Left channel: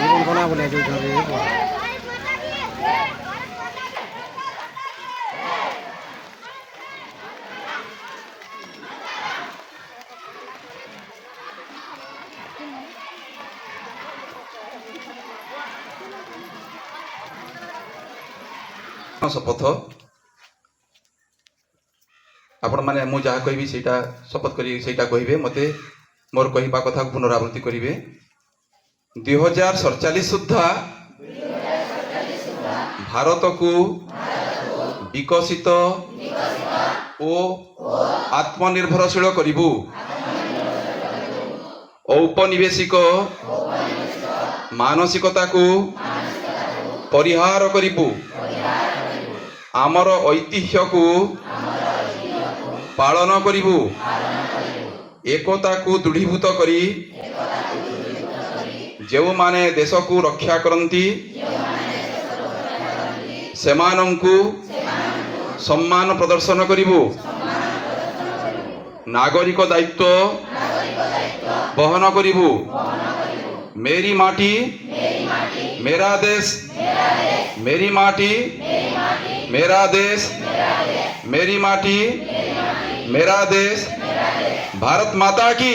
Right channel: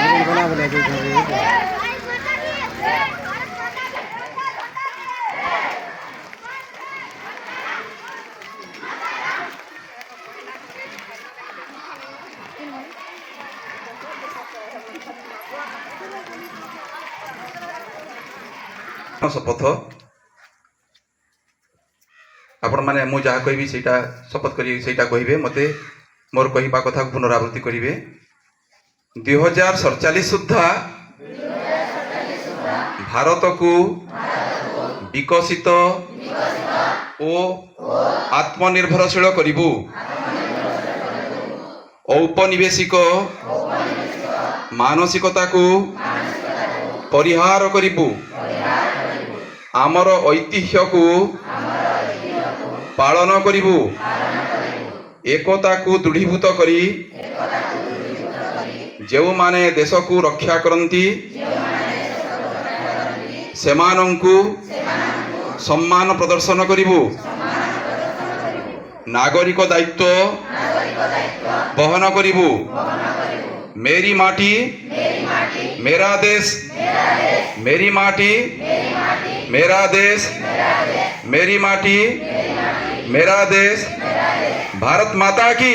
জীবন কোনা বলে शपथ आपण माने मु जहाँ कहबी सेटा शपथ करी सेटा कहिबे मते मोर कहिबा कथा पुनरावृत्ति करिवे 2047 सुद्धा भारत को विकसित ओ आत्मनिर्भरशील करिबु औपनिवेशिक मानसिकता को परिहार करिबु आमर ऐतिह्य को पालन करिबु एकता को दृढ़ीभूत करी जो माने देश को रक्षा करती सेमानंकु सम्मान प्रदर्शन करिबु नागरिक दायित्व वहन करिबु मेरी माटी मेरा देश मेरी माटी मेरा देश मेरी माटी मेरा देश भारत माता की